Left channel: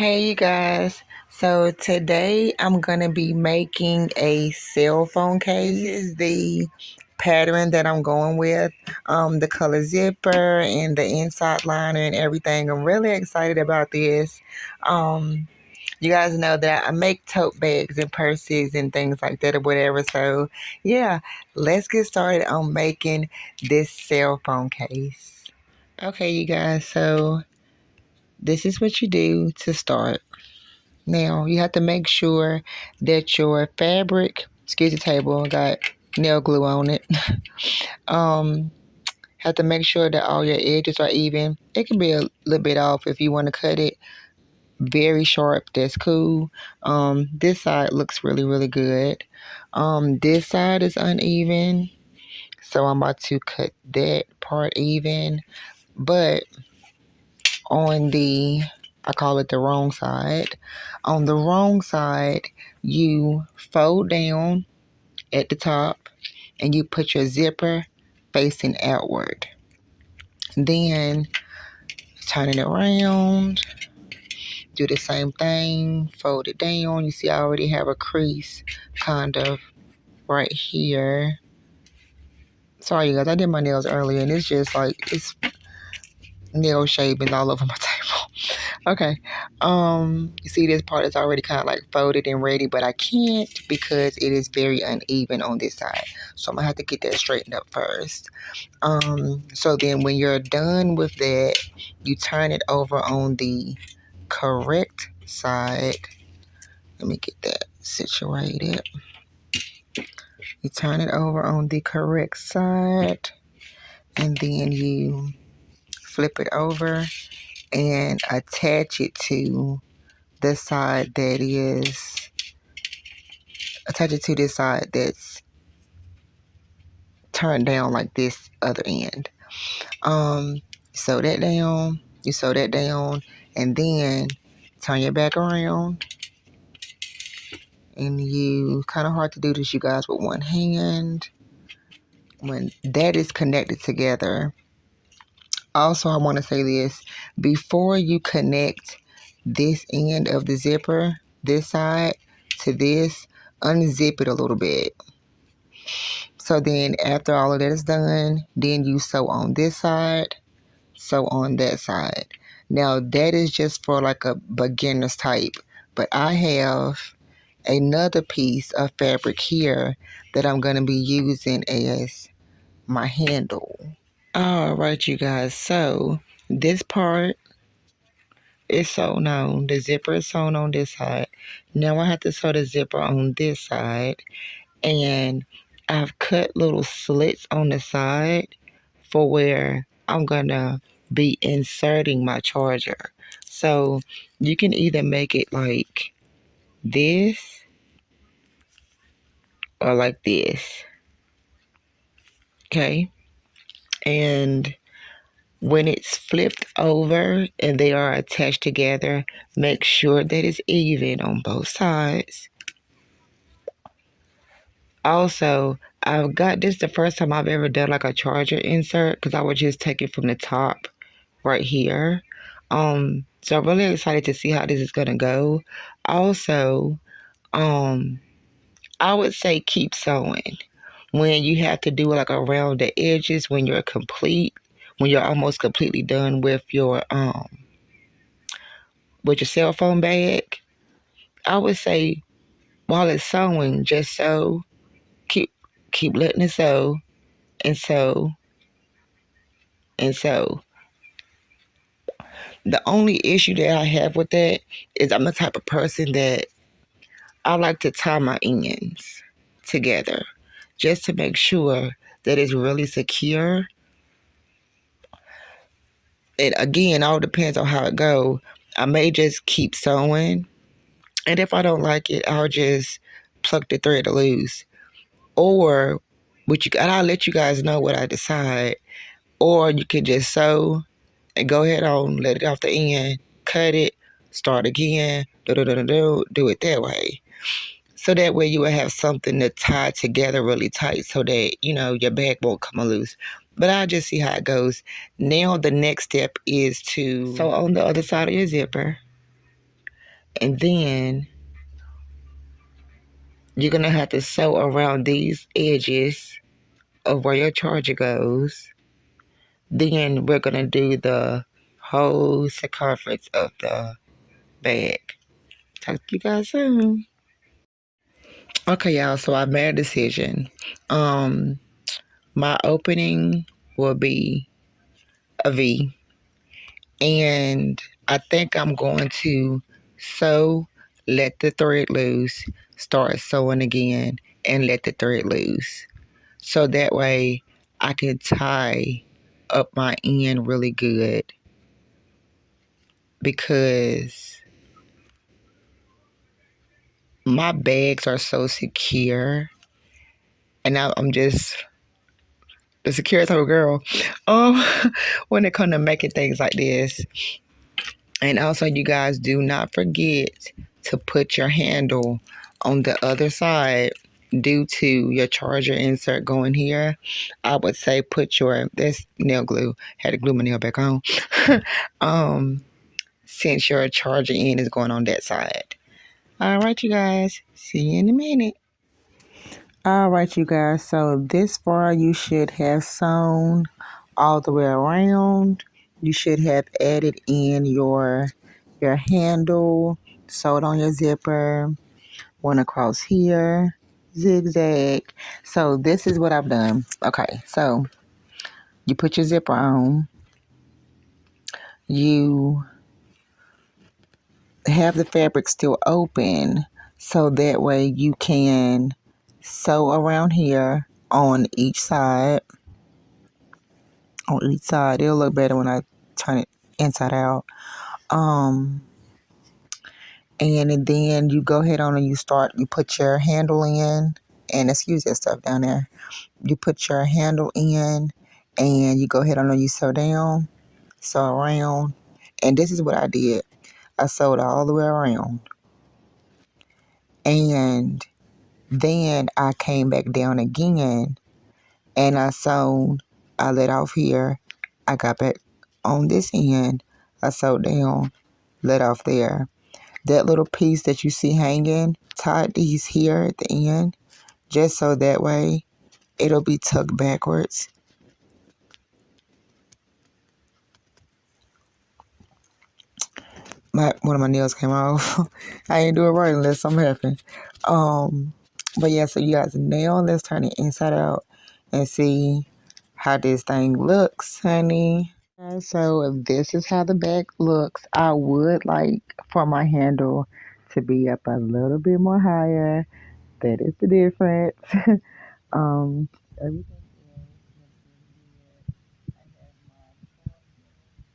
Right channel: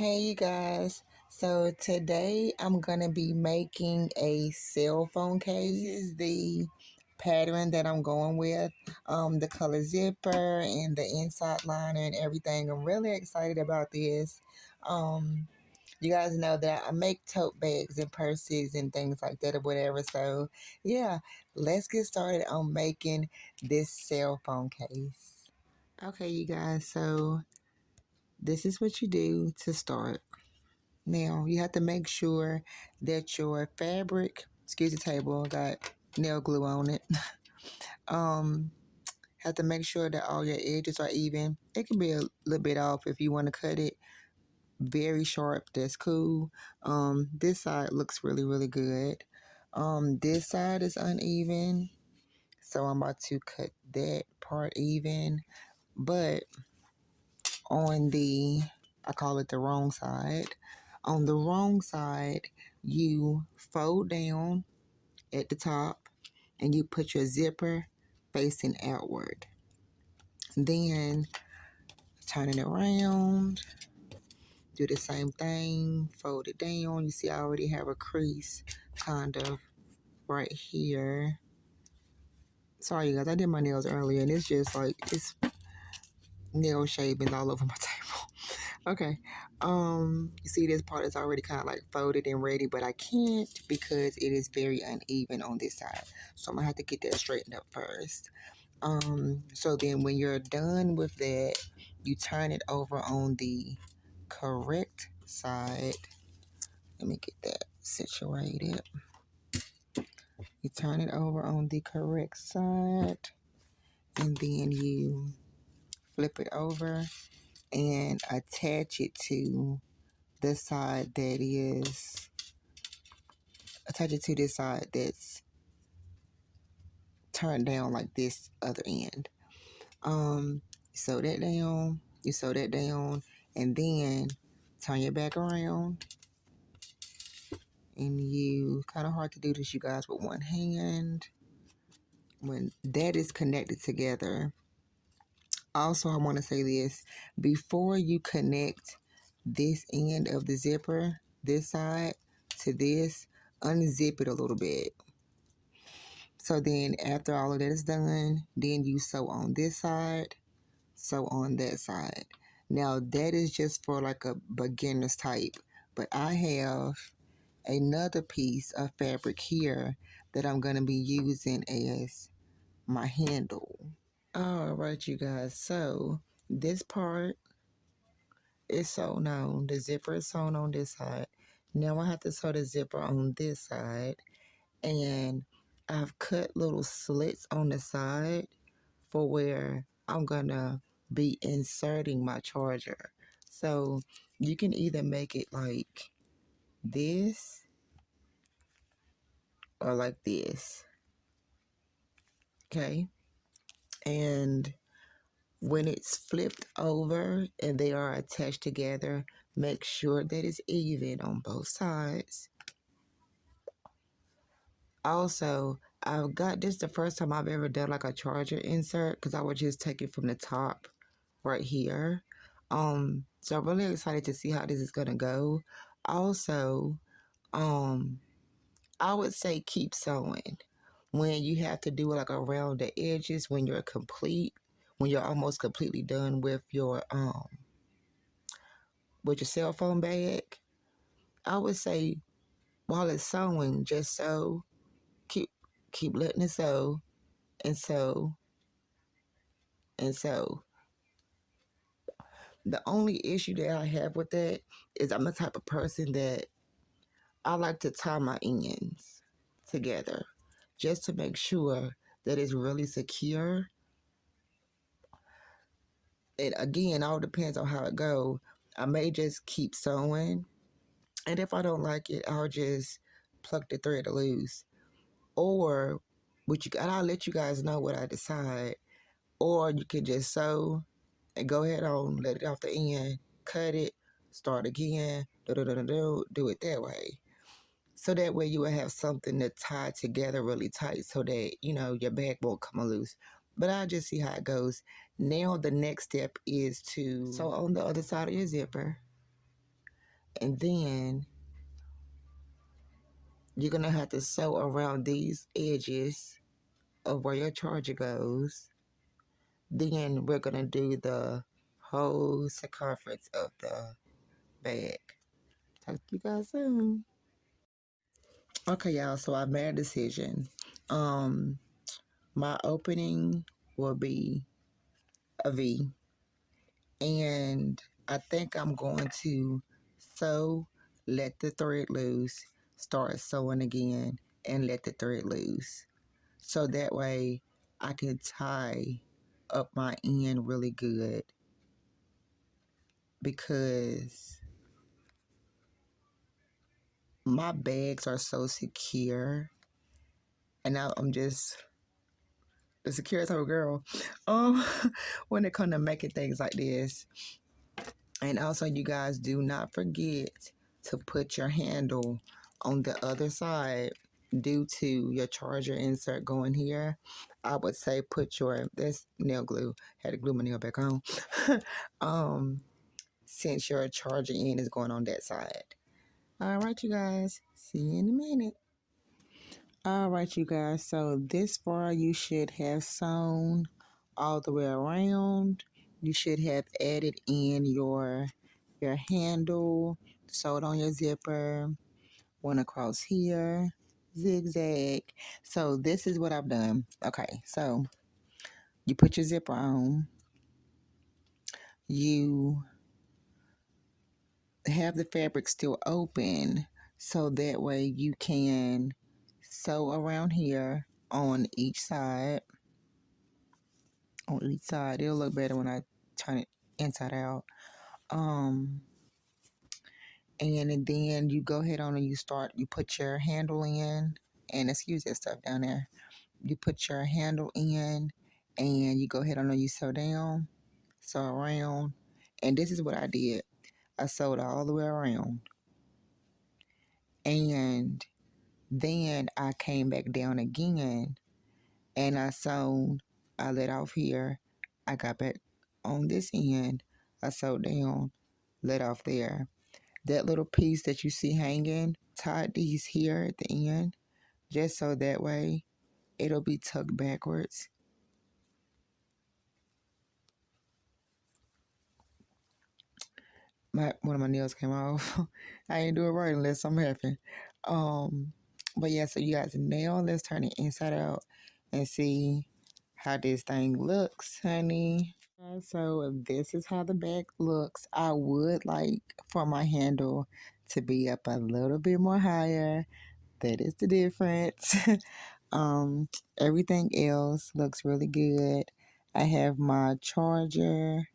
Hey you guys, so today I'm gonna be making a cell phone case. This is the pattern that I'm going with, the color zipper and the inside liner and everything. I'm really excited about this. You guys know that I make tote bags and purses and things like that or whatever, so yeah, let's get started on making this cell phone case. Okay you guys, so this is what you do to start. Now, you have to make sure that your fabric, excuse the table, got nail glue on it. um, have to make sure that all your edges are even. It can be a little bit off if you want to cut it very sharp. That's cool. This side looks really, really good. This side is uneven, so I'm about to cut that part even. But on the, I call it the wrong side. On the wrong side, you fold down at the top and you put your zipper facing outward. Then turn it around, do the same thing, fold it down. You see, I already have a crease kind of right here. Sorry, you guys, I did my nails earlier and it's just like, it's nail shavings all over my table. Okay. You see this part is already kind of like folded and ready, but I can't because it is very uneven on this side. So I'm gonna have to get that straightened up first. So then when you're done with that, you turn it over on the correct side. Let me get that situated. You turn it over on the correct side and then you flip it over and attach it to the side that is, attach it to this side that's turned down like this other end. Sew that down, you sew that down, and then turn your back around. And you, kind of hard to do this, you guys, with one hand. When that is connected together, also I want to say this, before you connect this end of the zipper, this side, to this, unzip it a little bit. So then after all of that is done, then you sew on this side, sew on that side. Now that is just for like a beginner's type, but I have another piece of fabric here that I'm going to be using as my handle. All right, you guys, so this part is sewn on. The zipper is sewn on this side. Now I have to sew the zipper on this side, and I've cut little slits on the side for where I'm gonna be inserting my charger. So you can either make it like this or like this, okay? And when it's flipped over and they are attached together, make sure that it's even on both sides. Also, I've got this the first time I've ever done like a charger insert because I would just take it from the top right here. So I'm really excited to see how this is gonna go. Also, I would say keep sewing when you have to do like around the edges when you're complete, when you're almost completely done with your cell phone bag. I would say while it's sewing, just sew, keep letting it sew and sew and sew. The only issue that I have with that is I'm the type of person that I like to tie my ends together just to make sure that it's really secure. It again all depends on how it go. I may just keep sewing, and if I don't like it, I'll just pluck the thread loose. Or and I'll let you guys know what I decide. Or you can just sew and go ahead on, let it off the end, cut it, start again, do it that way. So that way you will have something to tie together really tight so that, your bag won't come loose. But I'll just see how it goes. Now the next step is to sew on the other side of your zipper. And then you're going to have to sew around these edges of where your charger goes. Then we're going to do the whole circumference of the bag. Talk to you guys soon. Okay, y'all, so I made a decision. My opening will be a V, and I think I'm going to sew, let the thread loose, start sewing again, and let the thread loose. So that way I can tie up my end really good, because my bags are so secure, and I'm just the secure type of girl. Um, when it comes to making things like this. And also, you guys, do not forget to put your handle on the other side due to your charger insert going here. I would say put your, that's nail glue. Had to glue my nail back on. um, since your charger end is going on that side. All right, you guys. See you in a minute. All right, you guys. So this far, you should have sewn all the way around. You should have added in your handle, sewed on your zipper, one across here, zigzag. So this is what I've done. Okay, so you put your zipper on. You have the fabric still open, so that way you can sew around here on each side. On each side, it'll look better when I turn it inside out. And then you go ahead on and you put your handle in, and excuse that stuff down there. You put your handle in, and you go ahead on and you sew down, sew around. And this is what I did. I sewed all the way around. And then I came back down again, and I let off here. I got back on this end. I sewed down, let off there. That little piece that you see hanging, tied these here at the end, just so that way it'll be tucked backwards. One of my nails came off. I ain't do it right unless something happened. But yeah, so you guys nail. Let's turn it inside out and see how this thing looks, honey. So this is how the back looks. I would like for my handle to be up a little bit more higher. That is the difference. um, Everything else looks really good. I have my charger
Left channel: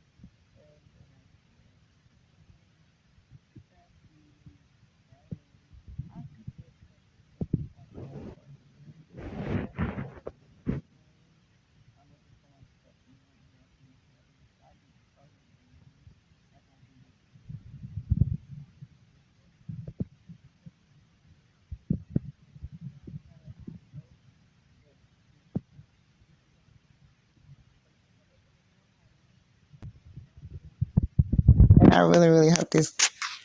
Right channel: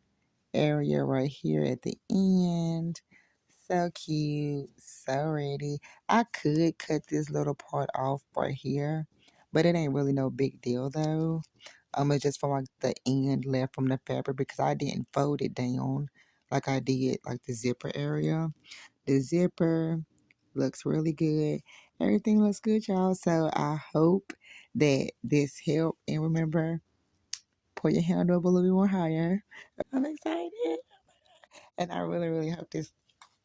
area right here at the end. So cute, so ready. I could cut this little part off right here, but it ain't really no big deal though. It's just for like the end left from the fabric, because I didn't fold it down like I did like the zipper area. The zipper looks really good. Everything looks good, y'all. So I hope that this helped. And remember, pull your hand up a little bit more higher. I'm excited. And I really, really hope this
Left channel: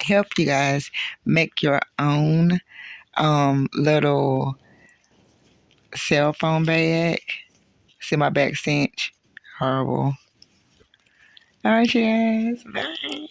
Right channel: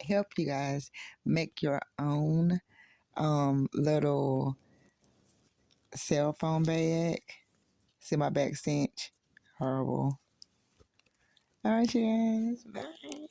helped you guys make your own little cell phone bag. See my back cinch? Horrible. All right, you guys. Bye.